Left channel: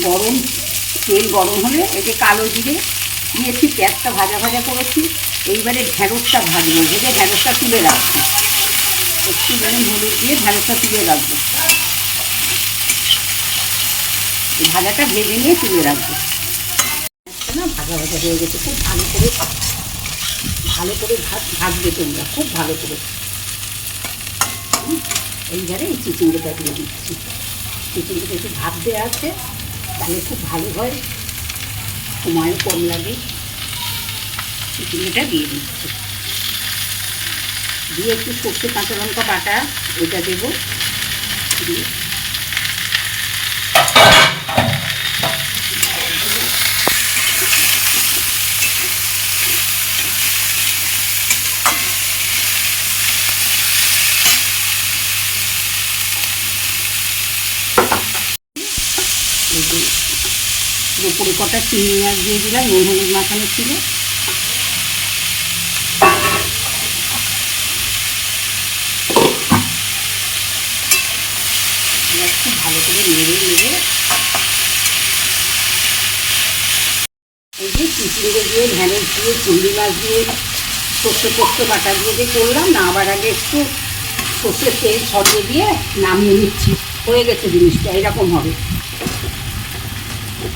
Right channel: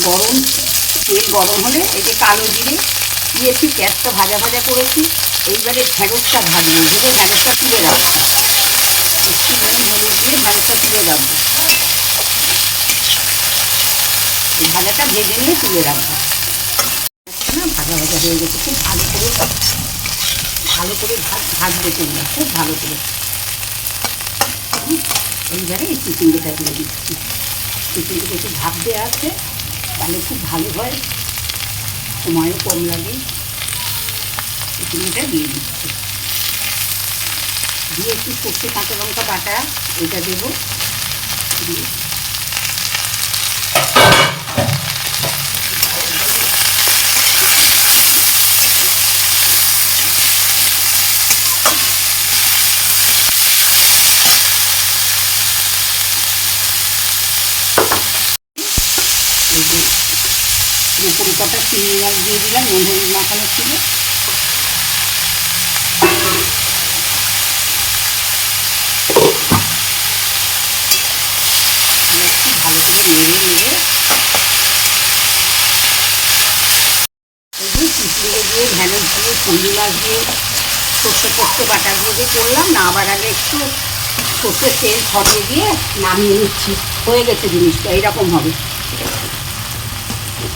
গরম তেল গরম হলে এই যে কালো জিরে দিয়েছি, পেঁয়াজটা ভাজা ভাজা করেছি। এইবারে ঢ্যাঁড়সটা ভাজবো, ভেজে ঢ্যাঁড়সটা তুলে রাখবো। একটু হলুদ দিয়ে ঢ্যাঁড়সটা তুলে রাখবো। ভাজাটা ভেজে নিয়ে তুলে রাখবো। না ভাজা ভাজা হয়ে গেছে, খুব ভালো করে ভাজবে তোমরা, খুব ভালো করে। এইবারে এই চিচিঙ্গাটা দিয়ে দিচ্ছি। চিচিঙ্গাটা একটু ভাপ দেওয়া আছে, তাহলে খুব ভালো হয়, সময়ও কম লাগে। চিচিঙ্গাটা দিয়ে দিচ্ছি, দিয়ে একটু সর্ষে কাঁচা লঙ্কা বাটা এটা দেবো, দিয়ে উপরে কটা চিংড়ি মাছ দিয়ে দিলাম, নুন হলুদ মাখানো ছিল। একটু ভালো করে নেড়ে নেড়ে এই যে চিচিঙ্গে দিয়ে ঢ্যাঁড়স দিয়ে চিংড়ি মাছ দিয়ে সর্ষে পোস্ত বাটা দিয়ে যে করলাম না, আবার আগে একটু সর্ষের তেল ছড়িয়ে দিয়ে নামিয়ে নিচ্ছি। হয়ে গেছে জিনিসটা, এইরকম হবে।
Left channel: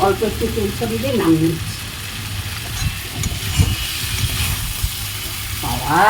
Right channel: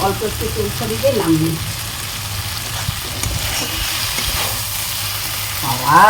অল্প একটু তেল ছড়িয়ে দিয়ে নামিয়ে নিচ্ছি। বাবা